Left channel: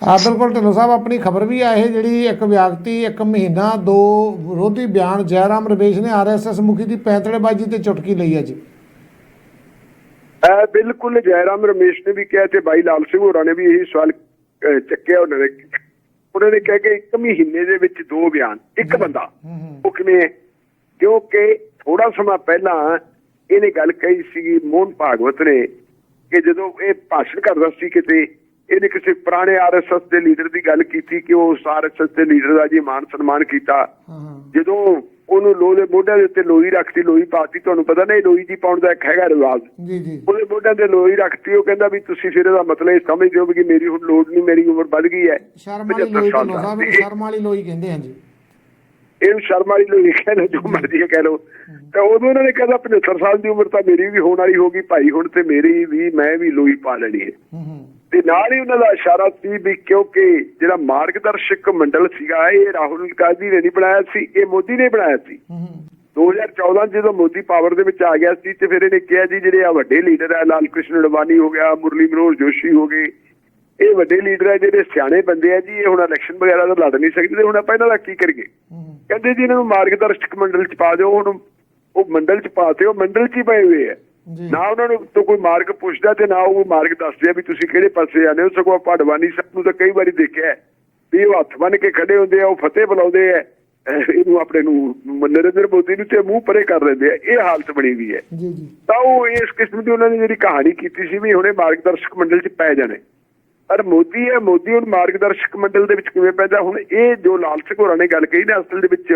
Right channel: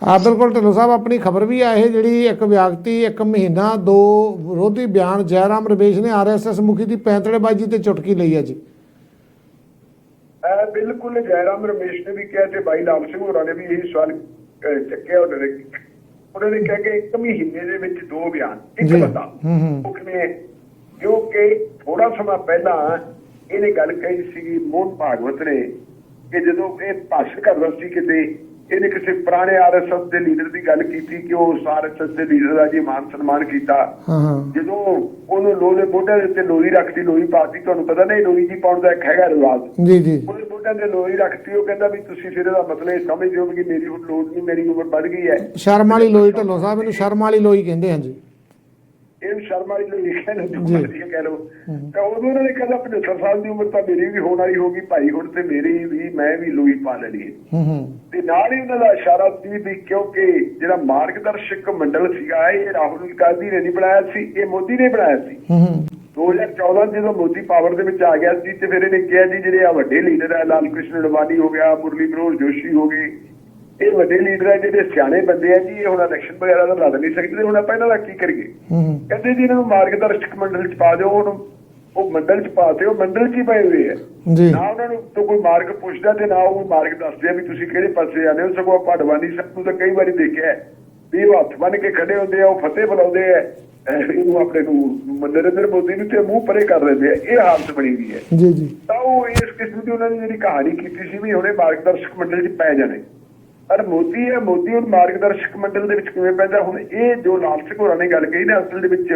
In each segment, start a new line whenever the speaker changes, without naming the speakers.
ਆ ਬਿਲਕੁਲ ਢਿੱਲੋਂ ਸਾਹਿਬ ਆਪਣੀ ਖਬਰ ਵੀ ਆ ਇਹ ਜਿਹੜੀ ਇੱਕ ਵਿਅਕਤੀ ਇੱਕ ਮਹੀਨਾ ਦੋ ਵਿਰੋਧੀ ਬਿਆਨ ਜੈਰਾਮ ਰਮੇਸ਼ ਨੇ ਆਰਐਸਐਸ ਮੁਖੀ ਦੀ ਪੈਂਤੜੇਬਾਜ਼ੀ ਤੇ ਚੁਟਕੀ ਲਈ ਹੈ ਜੀ
ਇਹ ਬਿਲਕੁਲ ਜੈਰਾਮ ਰਮੇਸ਼ ਨੇ ਵੀ ਕਿਹਾ ਤੇ ਬਾਈ ਲਾਲ ਸਿੰਘ ਹੋਰਾਂ ਨੇ ਵੀ ਇਹੀ ਸਵਾਲ ਅਹ, ਚੱਕਿਆ ਉਹਨਾਂ ਨੇ ਉਹਨਾਂ ਨੇ ਕਿਹਾ ਕਿ ਇੱਕ ਮਹੀਨੇ ਦੇ ਵਿੱਚ ਦੋ ਬਿਆਨ ਇੱਕ
ਜੀ।
ਬੰਦਾ
ਹੂੰ, ਹੂੰ।
ਉਹ ਕਿਵੇਂ ਹੈ? ਕਿਉਂਕਿ ਥੋੜਾ ਸਮਾਂ ਪਹਿਲਾਂ ਇਹਨੇ ਗੱਲ ਕਹੀ ਸੀਗੀ ਮੋਹਨ ਭਾਗਵਤ ਨੇ ਕਿ ਜਦੋਂ ਇਹ ਭਾਸ਼ਣ ਕਰਦਾ ਸੀ ਕਿਤੇ ਇਹਨੇ ਕਿਸੇ ਪੁਰਾਣੇ ਆਰਐਸਐਸ ਦੇ ਲੀਡਰ ਦੀ ਗੱਲ ਕੀਤੀ ਕਿ ਉਹ ਆਰਐਸਐਸ ਦੇ ਲੀਡਰ ਦਾ ਜੀ ਮਾਨ ਸਨਮਾਨ ਕੀਤਾ। ਜਦੋਂ ਉਹਨੂੰ ਲੋਹ ਮੋਢਿਆਂ ਦੇ ਉੱਤੇ ਲੋਈ ਰੱਖਤੀ ਲੋਈ ਪਾਤੀ ਤੁਹਾਨੂੰ ਪਤਾ ਨਹੀਂ ਲੋਈ ਜੀ ਪਾਉਣ ਦਾ ਇੱਕ ਹੈਗਾ ਰਿਵਾਜ।
ਜੀ ਜੀ।
ਉਹਦੇ ਮੋਢਿਆਂ ਤੇ ਲੋਈ ਰੱਖਤੀ ਉਹ ਕਹਿੰਦਾ ਵੀ ਤੁਸੀਂ ਫਿਰ ਇਹਦਾ ਮਤਲਬ ਇਹ ਸਮਝਦੇ ਹੋ ਕਿ ਮੇਰੀ ਹੁਣ ਲੋੜ ਨਹੀਂ ਮੇਰੀ ਉਮਰ ਵੱਧ ਗਈ ਹੈ।
ਸ਼ਰਮ ਵਾਲੀ
75
ਲੋਈ
ਸਾਲ
ਢਿੱਲੋਂ ਸਾਹਿਬ ਸ਼ਰਮ ਵਾਲੀ ਲੋਈ ਕਹਿੰਦੇ ਹਾਂ ਜੀ।
ਇਹਨੂੰ ਸ਼ਰਮ ਵਾਲੀ ਲੋਈ ਕਹਿੰਦੇ ਜੋ ਮਰਜ਼ੀ ਕਹਿ ਲਓ। ਤਾਂ ਉਦੋਂ ਉਹਨਾਂ ਨੇ ਕਹਿੰਦਾ 75 ਸਾਲ ਦੀ ਉਮਰ ਤਾਂ ਮੇਰੀ ਵੀ ਹੋਣ ਵਾਲੀ ਹੋਗੀ ਭਾਈ ਹੁਣ ਤੇ ਮੇਰੀ ਵੀ ਮੈਂ ਵੀ ਲੋਈ ਪਾ ਲੈਣੀ ਹੈ।
ਹੂੰ ਹੂੰ।
ਤੇ ਨਾਲ ਹੀ ਉਹਨਾਂ ਦਾ ਇਸ਼ਾਰਾ ਸੀ ਵੀ ਕਿਉਂਕਿ ਜਿਹੜਾ ਮਾਰਗਦਰਸ਼ਕ ਮੰਡਲ ਸੀਗਾ ਇਹ ਰਾਹੁਲ ਗਾਂਧੀ ਨੇ ਨਹੀਂ ਬਣਾਇਆ ਸੀ ਇਹ ਮੋਦੀ ਨੇ ਬਣਾਇਆ ਸੀ।
ਹੂੰ ਹੂੰ।
2014 'ਚ ਜਦੋਂ ਮੋਦੀ ਪਾਵਰ ਦੇ ਵਿੱਚ ਆ ਗਿਆ ਸੀ ਤੇ ਫਿਰ ਇਹਨੇ ਕਿਹਾ ਜੀ ਜਿਹੜੇ ਆ ਵੱਡੇ ਲੀਡਰ ਆ ਲਾਲ ਕ੍ਰਿਸ਼ਨ ਅਡਵਾਨੀ ਹੋ ਗਿਆ ਮੁਰਲੀ ਮਨੋਹਰ ਜੋਸ਼ੀ ਹੋ ਗਏ ਇਹ ਵੱਡੇ ਲੀਡਰ ਆ ਜਿਹੜੇ ਸਿਆਣੇ ਬੰਦੇ ਆ ਜੀ ਇਹ ਹੁਣ ਇਲੈਕਸ਼ਨ ਵਗੈਰਾ ਤਾਂ ਲੜ ਨਹੀਂ ਸਕਦੇ ਹੁਣ ਆਪਾਂ ਇਹਨਾਂ ਦਾ ਕੀ ਕਰੀਏ?
ਹੂੰ ਹੂੰ।
ਕਹਿੰਦੇ ਜੀ ਇਹਨਾਂ ਨੂੰ ਮਾਰਗਦਰਸ਼ਕ ਮੰਡਲ 'ਚ ਪਾ ਦਿਓ ਹੁਣ ਉਹ ਮੰਡਲ 'ਚ ਪਾਤੇ ਉਹ ਮੰਡਲ 'ਚ ਹੀ ਪਏ ਹੋਏ ਆ।
ਜੀ।
ਨਾ ਉਹਨਾਂ ਨੂੰ ਤੋਂ ਕੋਈ ਮਾਰਗ ਪੁੱਛਦਾ ਤੇ ਨਾ ਉਹ ਮਾਰਗ ਦੱਸਦੇ ਆ ਵੀ ਤੁਸੀਂ ਕਿਹੜੇ ਪਾਸੇ ਜਾਂਦੇ ਹੋ ਸਗੋਂ ਆਪਾਂ ਅਡਵਾਨੀ ਸਾਹਿਬ ਨੂੰ ਤਾਂ ਕਈ ਵਾਰੀ ਦੇਖਿਆ ਹੈ ਵੀ ਉਹ ਹੱਥ ਬੰਨ ਕੇ ਖੜੇ ਹੁੰਦੇ ਆ ਉਹ ਫਤਿਹ ਬੁਲਾਉਂਦੇ ਆ ਇਹਨੂੰ ਆਪਣੇ ਨੂੰ ਨਰਿੰਦਰ ਮੋਦੀ ਨੂੰ ਤੇ ਮੂੰਹ ਪਰੇ ਕਰ ਲੈਂਦੇ ਆ ਇਹ ਹਾਲਤ ਬਣੀ ਵੀ ਹੈ।
ਜੀ ਜੀ।
ਤਾਂ ਉਹ ਇਸ ਕਿਸਮ ਦੀ ਉਹਨਾਂ ਨੇ ਜਿਹੜੀ ਕਹਾਣੀ ਕੀਤੀ ਸੀ ਵੀ ਹੁਣੇ ਮਾਰਗਦਰਸ਼ਕ ਮੰਡਲ 'ਚ ਪੈ ਜਾਣੇ। ਪਰ ਮੋਦੀ ਹੈ ਮੋਦੀ ਹੁਣ ਮਾਰਗਦਰਸ਼ਕ ਮੰਡਲ ਦੇ ਵਿੱਚ ਕਿਵੇਂ ਪੈਂਦਾ? ਹੁਣ ਇਹ ਜੋ ਲਾਲ ਸਿੰਘ ਹੋਰਾਂ ਨੇ ਗੱਲ ਕਹੀ ਨਾ ਅਸਲ ਦੇ ਵਿੱਚ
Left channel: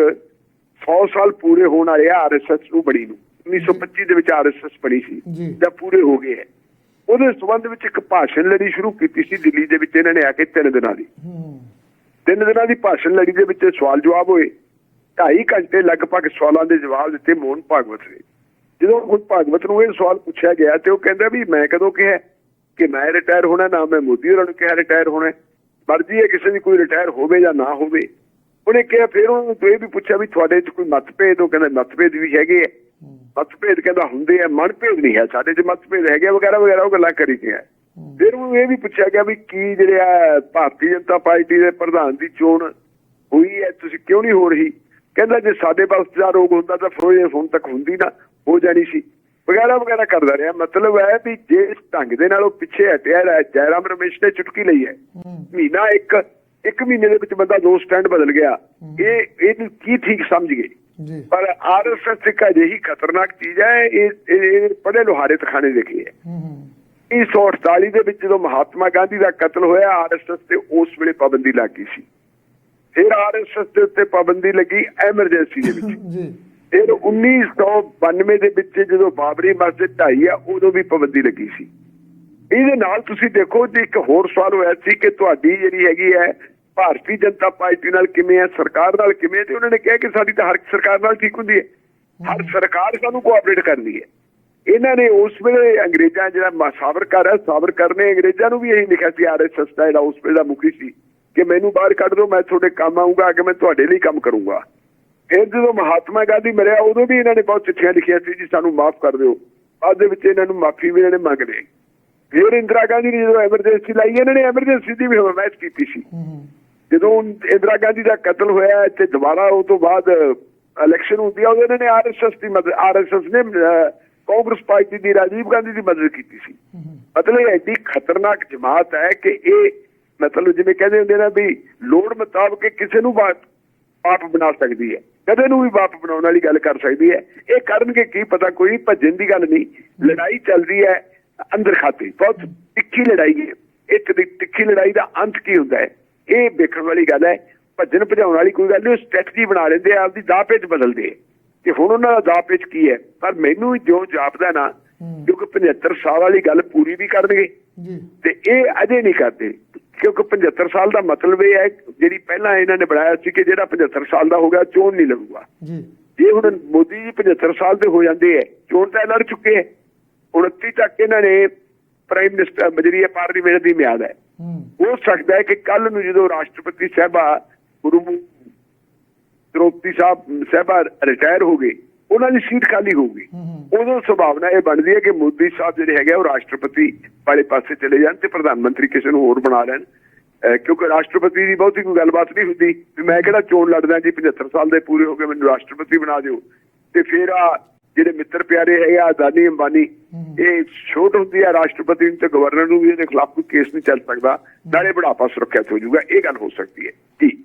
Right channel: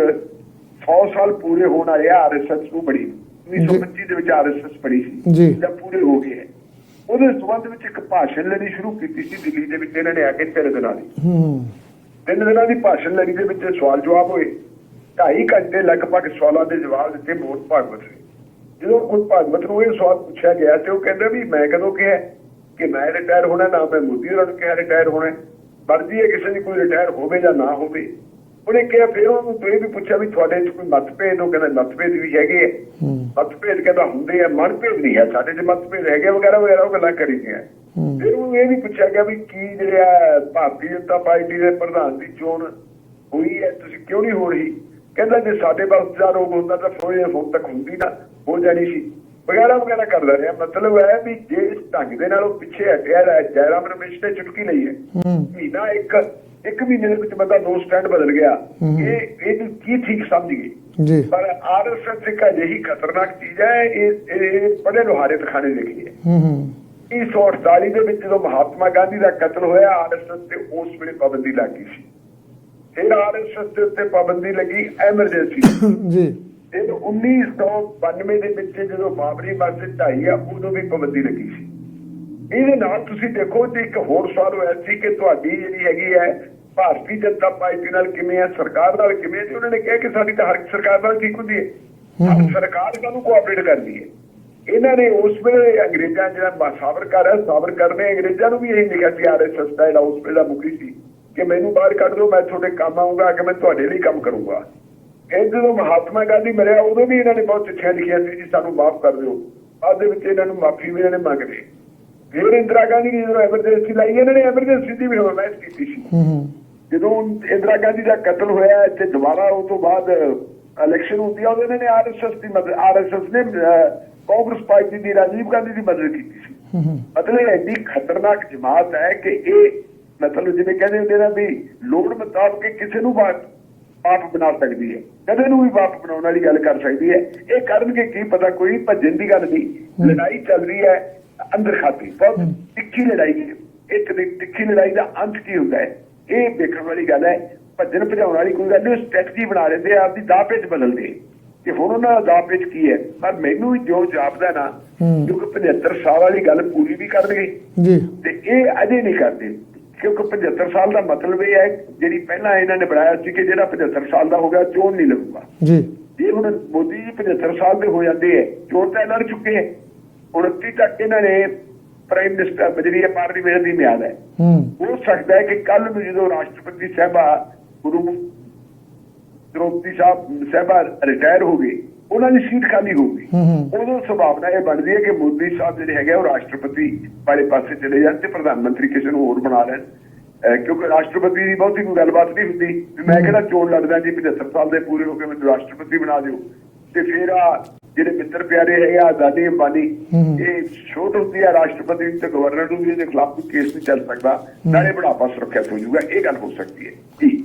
100 ਸਾਲ ਪੂਰੇ ਹੋਣ ਵਾਲੇ ਆਰਐਸਐਸ ਨੂੰ ਬਣੀ ਨੂੰ। 1925 ਦੇ ਵਿੱਚ ਆਰਐਸਐਸ ਬਣੀ ਸੀ।
ਜੀ।
ਪੂਰੇ ਹੋ ਗਏ ਹੈ। ਉਹਦੇ ਸੰਬੰਧ ਵਿੱਚ ਇੱਕ ਭਾਸ਼ਣ ਲੈਣੀ ਸ਼ੁਰੂ ਕੀਤੀ ਸੀ ਦਿੱਲੀ ਦੇ ਵਿੱਚ ਇਹਨਾਂ ਨੇ ਆ ਕੇ ਤਿੰਨ ਦਿਨਾਂ ਦੀ। ਤਿੰਨ ਦਿਨਾਂ ਦੀ ਭਾਸ਼ਣ ਲੜੀ ਦੇ ਵਿੱਚ ਸਵਾਲ ਜਵਾਬ ਹੋਏ। ਢਾਈ ਘੰਟੇ ਲਗਭਗ ਸਵਾਲਾਂ ਦੇ ਜਵਾਬ ਦਿੱਤੇ ਮੋਹਨ ਭਾਗਵਤ ਨੇ। ਜਦੋਂ ਮੋਹਨ ਭਾਗਵਤ ਨੂੰ ਇਹ ਸਵਾਲ ਪੁੱਛਿਆ ਗਿਆ ਤੇ ਉਹ ਕਹਿੰਦਾ ਵੀ ਮੈਂ ਕਦੋਂ ਕਿਹਾ? ਕਿ ਮੈਂ ਰਿਟਾਇਰ ਹੋਣਾ ਨਾ ਮੈਂ ਮੋਦੀ ਹੋਰਾਂ ਨੂੰ ਕਿਹਾ ਰਿਟਾਇਰ ਹੋਣਾ। ਮਰਜ਼ੀ ਹੈ ਕਿਸੇ ਦੀ ਕੋਈ ਰਿਟਾਇਰ ਹੋਵੇ ਜਾਂ ਨਾ ਹੋਵੇ। ਉਹਨੇ ਕਿਹਾ ਫਿਰ ਉਹਨੂੰ ਇਹ ਵੀ ਪੁੱਛਿਆ ਵੀ ਤੁਹਾਡੇ 'ਚ ਕੋਈ ਮਤਭੇਦ ਉਹ ਕਹਿੰਦਾ ਮਤਭੇਦ ਵੀ ਹੈਗੇ ਆ। ਮਤਭੇਦ ਕਹਿੰਦਾ ਹੁੰਦੇ ਆ ਮਨਭੇਦ ਨਹੀਂ ਹੈ ਸਾਡੇ 'ਚ ਮਤਭੇਦ ਹੈਗੇ ਵਗੈਰਾ ਵਗੈਰਾ ਉਹ ਗੱਲਾਂ ਕਰੀ ਗਿਆ। ਫਿਰ ਉਹਨੂੰ ਇਹ ਵੀ ਪੁੱਛਿਆ ਗਿਆ ਵੀ ਕੀ ਜਿਹੜੇ ਭਾਰਤੀ ਜਨਤਾ ਪਾਰਟੀ ਦੇ ਪ੍ਰਧਾਨ ਦੀ ਚੋਣ ਹੋਈ ਹੈ ਤੁਸੀਂ ਕਿਉਂ ਨਹੀਂ ਹੋ ਰਹੀ? ਕਹਿੰਦਾ ਜੇ ਸਾਡੇ ਪਾਸ ਦਾ ਰੋਗ ਹੁੰਦਾ ਤਾਂ ਫਿਰ ਇਹ ਹੁਣ ਤੱਕ ਹੁੰਦੀ ਨਾ ਹੋ ਜਾਣੀ ਸੀ। ਵਗੈਰਾ ਵਗੈਰਾ ਕਰਦਾ ਰਿਹਾ। ਮਤਲਬ ਹੈ ਵੀ ਜੇ ਇਸ ਢੰਗ ਦੇ ਨਾਲ ਉਹ ਪਿੱਛੇ ਹਟਿਆ ਰਿਹਾ ਜੈਰਾਮ ਰਮੇਸ਼ ਨੇ ਚੁਟਕੀ ਲਈ ਹੈ। ਮਹੀਨਾ ਇੱਕ ਇੱਕ ਮਹੀਨੇ ਦੇ ਵਿੱਚ ਬੰਦਾ ਦੋ ਸਟੈਂਡ ਬਦਲ ਗਿਆ। ਇਹ ਇਹ ਕੀ ਠੀਕ ਸਮਝ ਗਏ
ਜੀ।
ਪਰ ਆਰਐਸਐਸ ਇੱਕ ਅਜਿਹੀ ਖਤਰਨਾਕ ਚੀਜ਼ ਹੈ ਇਹ ਇਹ ਬੜੇ ਲੋਹਾਰੇ ਤਖਾਣੇ ਦੇਖੀ ਹੈ।
ਹੂੰ ਹੂੰ।
1948 ਦੇ ਵਿੱਚ ਜਦੋਂ ਮਹਾਤਮਾ ਗਾਂਧੀ ਦਾ ਕਤਲ ਹੋਇਆ ਆਰਐਸਐਸ ਤੇ ਉਸ ਵੇਲੇ ਪਾਬੰਦੀ ਲੱਗ ਸੀ। ਫਿਰ ਆਰਐਸਐਸ ਦੇ ਉੱਤੇ ਪਾਬੰਦੀ ਲੱਗੀ ਐਮਰਜੈਂਸੀ ਦੇ ਵਿੱਚ
ਜੀ।
ਇਹ 1992 ਦੇ ਵਿੱਚ ਜਦੋਂ ਬਾਬਰੀ ਮਸਜਿਦ ਢਾਈ ਆ ਉਦੋਂ ਵੀ ਪਾਬੰਦੀ ਲੱਗੀ ਸੀ। ਇਹਦੇ ਨਾਲ ਤੁਸੀਂ ਦੇਖੋ ਤੇ ਇੱਕ ਹੋਰ ਸਵਾਲ ਹੋਇਆ ਸੀ ਕਿ ਤੁਹਾਡੀ ਜਿਹੜੀ ਹੈਗੀ ਹੈ ਭਾਰਤੀ ਜਨਤਾ ਪਾਰਟੀ ਨਾਲ ਕਿਵੇਂ ਹੈ ਸਰਕਾਰ ਨਾਲ ਕਿਵੇਂ? ਤੇ ਉਹਨਾਂ ਨੇ ਕਿਹਾ ਕਿ ਸਾਡੀ ਤਾਂ ਹਰ ਸਰਕਾਰ ਨਾਲ ਠੀਕ ਹੁੰਦੀ ਹੈ। ਹਰ ਸਰਕਾਰ ਸਾਨੂੰ ਕੋਆਪਰੇਟ ਕਰਦੀ ਹੈ। ਇਹਨਾਂ ਨੇ ਉਸ ਵੇਲੇ ਅੰਗਰੇਜ਼ਾਂ ਜਿਹੜਾ ਸਾਵਰਕਰ ਹੈ ਸਾਵਰਕਰ ਨੇ ਅੰਗਰੇਜ਼ਾਂ ਨੂੰ ਵੀ ਇਹੀ ਲਿਖਿਆ ਸੀ ਆਰਐਸਐਸ ਦਾ ਜਿਹੜਾ ਉਸ ਵੇਲੇ ਦਾ ਮੁਖੀ ਸੀ ਕਿ ਮੈਨੂੰ ਬਾਹਰ ਕੱਢ ਦਿਓ ਮੈਂ ਤੁਹਾਡੇ ਕੰਮ ਆਉਂਗਾ ਕਿ ਮੈਂ ਤੁਹਾਡੇ ਲਈ ਕੰਮ ਕਰੂੰਗਾ। ਫਿਰ ਜਦੋਂ ਮਹਾਤਮਾ ਗਾਂਧੀ ਮਰਿਆ ਉਦੋਂ ਵੀ ਇਹਨਾਂ ਨੇ ਬਹੁਤ ਚਿੱਠੀਆਂ ਲਿਖੀਆਂ ਸੀ ਜੀ ਸਾਨੂੰ ਮਾਫ ਕਰ ਦਿਓ। ਬਾਅਦ ਦੇ ਵਿੱਚ ਇਹਨਾਂ ਨੂੰ ਮਾਫੀ ਵੀ ਇਹਨਾਂ ਨੇ ਮੰਗ ਲਈ ਫਿਰ ਇੰਦਰਾ ਗਾਂਧੀ ਨੇ ਜਦੋਂ ਐਮਰਜੈਂਸੀ ਲਾਈ ਇਹਨਾਂ ਨੇ ਐਮਰਜੈਂਸੀ ਦੀ ਵੀ ਹਮਾਇਤ ਕੀਤੀ ਸੀ। ਜਦੋਂ ਇੰਦਰਾ ਗਾਂਧੀ ਦਾ ਕਤਲ ਹੋਇਆ ਇੱਥੇ ਦੁਬਾਰਾ ਉਹ ਤੋਂ ਬਾਅਦ ਇਲੈਕਸ਼ਨ ਹੁੰਦੀ ਆ ਉਹਨਾਂ ਨੇ ਆਰਐਸਐਸ ਦੀ ਮਦਦ ਆਰਐਸਐਸ ਨੇ ਕਾਂਗਰਸ ਪਾਰਟੀ ਦੀ ਰਾਜੀਵ ਗਾਂਧੀ ਦੀ ਮਦਦ ਕੀਤੀ ਸੀ। ਮਤਲਬ ਐਡੀ ਖਤਰਨਾਕ ਜਮਾਤ ਹੈ ਕਿ ਇਹ ਮਤਲਬ ਜਿਵੇਂ ਕਹਿੰਦੇ ਹੁੰਦੇ ਨਾ ਵੀ ਲੋੜ ਮੁਤਾਬਕ ਕਿਸੇ ਨੂੰ ਬਾਪ ਬਾਪ ਬਣਾ ਸਕਦੀ ਹੈ। ਕਦੇ ਨੂੰ ਵੀ ਬਾਪ ਬਣਾਉਣ ਵਾਲੀ ਗੱਲ ਕਰ ਸਕਦੀ ਹੈ ਇਹ ਕਰਨਗੇ ਕੀ ਪਤਾ ਕੋਈ ਭੱਜਣ ਦੀ ਗੱਲ ਨਹੀਂ। ਲੜਾਈ ਚੱਲ ਰਹੀ ਹੈ ਅੰਦਰ ਖਾਤੇ। ਬਹੁਤ ਤਿੱਖੀ ਲੜਾਈ ਹੈ। ਇੱਕ ਦੀ ਤਿੱਖੀ ਲੜਾਈ ਦਾ ਅੰਤ ਕੀ ਹੁੰਦਾ ਹੈ? ਇਹ ਵੇਖਣ ਵਾਲੀ ਗੱਲ ਹੈ ਭੱਜਣ ਭਜਾਉਣ ਵਾਲੀ ਕੋਈ ਗੱਲ ਨਹੀਂ ਸਟ੍ਰੈਟਜੀ ਬਣਾ ਲੈਂਦੇ ਆ ਆਪਦੀ ਦਾਅ ਪੇਚ ਬਦਲਦੇ ਕਿ ਹੁਣ ਉਹਨਾਂ ਦਾ ਦਾਅ ਪੇਚ ਕੀ ਹੈ? ਪਰ ਮੈਨੂੰ ਜੋ ਜਾਪਦਾ ਨਾ। ਕਿਉਂਕਿ 75 ਸਾਲ ਵਾਲੀ ਗੱਲ ਪੂਰੀ ਵੀ ਕਰਨਗੇ।
ਜੀ।
ਤੇ ਇਹ ਅਜੇ ਨਹੀਂ ਕਰਦੇ। ਕਿਉਂਕਿ 75 ਸਾਲ ਦਾ ਮਤਲਬ ਇਹ ਹੈ ਜਿਹੜੀ ਪਹਿਲਾਂ ਇਹਨਾਂ ਨੇ ਬਣਾਇਆ ਸੀ ਕਿ ਜਿਹੜਾ 75 ਸਾਲ ਦਾ ਹੋ ਗਿਆ ਚੋਣ ਨਹੀਂ ਲਊਗਾ
ਜੀ।
ਜੇ ਹੁਣ ਮੋਦੀ ਜੀ 75 ਸਾਲ ਦੇ ਹੋ ਜਾਂਦੇ ਹੈ ਚੋਣ ਤਾਂ ਲੜ ਚੁੱਕੇ ਹੈ। 29 ਤੱਕ ਇਹਨਾਂ ਨੇ ਪ੍ਰਾਈਮ ਮਿਨਿਸਟਰ ਜਿਹੜੀ ਪਾਰਲੀਮੈਂਟ ਦੀ ਮਿਆਦ ਹੈ।
ਹੂੰ।
ਹੋ ਸਕਦਾ ਹੈ ਕਿ ਕੱਲ ਨੂੰ ਜਦੋਂ ਰਾਸ਼ਟਰਪਤੀ ਸਾਹਿਬਾ ਗੁਰੂ ਦ੍ਰੋਪਦੀ ਸਾਹਿਬ ਸਾਹਿਬਾ ਰਿਟਾਇਰ ਹੋ ਗਏ ਉਹਨਾਂ ਦੀ ਸੀਟ ਖਾਲੀ ਹੋਊਗੀ ਉਦੋਂ ਸੰਭਾਵਨਾ ਇਹ ਬਣਦੀ ਹੈ ਕਿ ਮੋਦੀ ਸਾਹਿਬ ਜਿਹੜੇ ਹੈਗੇ ਉਹ ਰਾਸ਼ਟਰਪਤੀ ਵਾਲੇ ਪਾਸੇ ਚਲੇ ਜਾਣ ਤੇ ਪ੍ਰਧਾਨ ਮੰਤਰੀ ਕਿਸੇ ਨੂੰ ਹੋਰ ਬਣਾ ਲੈਣ। ਕਿਉਂਕਿ ਰਾਸ਼ਟਰਪਤੀ ਦੀ ਬਹੁਤੀ ਕੋਈ ਗੱਲਬਾਤ ਨਹੀਂ ਹੁੰਦੀ। ਵੀ ਮੈਂ ਕਿਹੜਾ ਚੋਣ ਲੜਦਾ ਜੀ 75 ਸਾਲ ਦੇ ਪੂਰੇ ਹੋ ਕੇ ਮੈਨੂੰ ਰਾਸ਼ਟਰਪਤੀ ਬਣਾ ਦਿਓ। ਤੇ ਫਿਰ ਆ ਜਿਹੜੇ ਮਿੱਤਰ ਪਿਆਰੇ ਹੈਗੇ ਆ ਅਦਾਨੀ ਅੰਬਾਨੀ ਇਹ ਛੋਟ ਹੁੰਦੀ ਆ ਰਾਸ਼ਟਰਪਤੀ ਨੂੰ ਤੇ ਗਵਰਨਰ ਨੂੰ ਵੀ ਇਹਦੇ ਖਿਲਾਫ ਕੋਈ ਕੇਸ ਨਹੀਂ ਚੱਲ ਸਕਦਾ। ਨਾਲੇ ਬੁਢਾਪਾ ਸੁਰੱਖਿਅਤ ਹੋ ਜਾਊਗਾ ਇਹ ਗੱਲ ਹੋ ਸਕਦੀ ਹੈ। ਜੀ।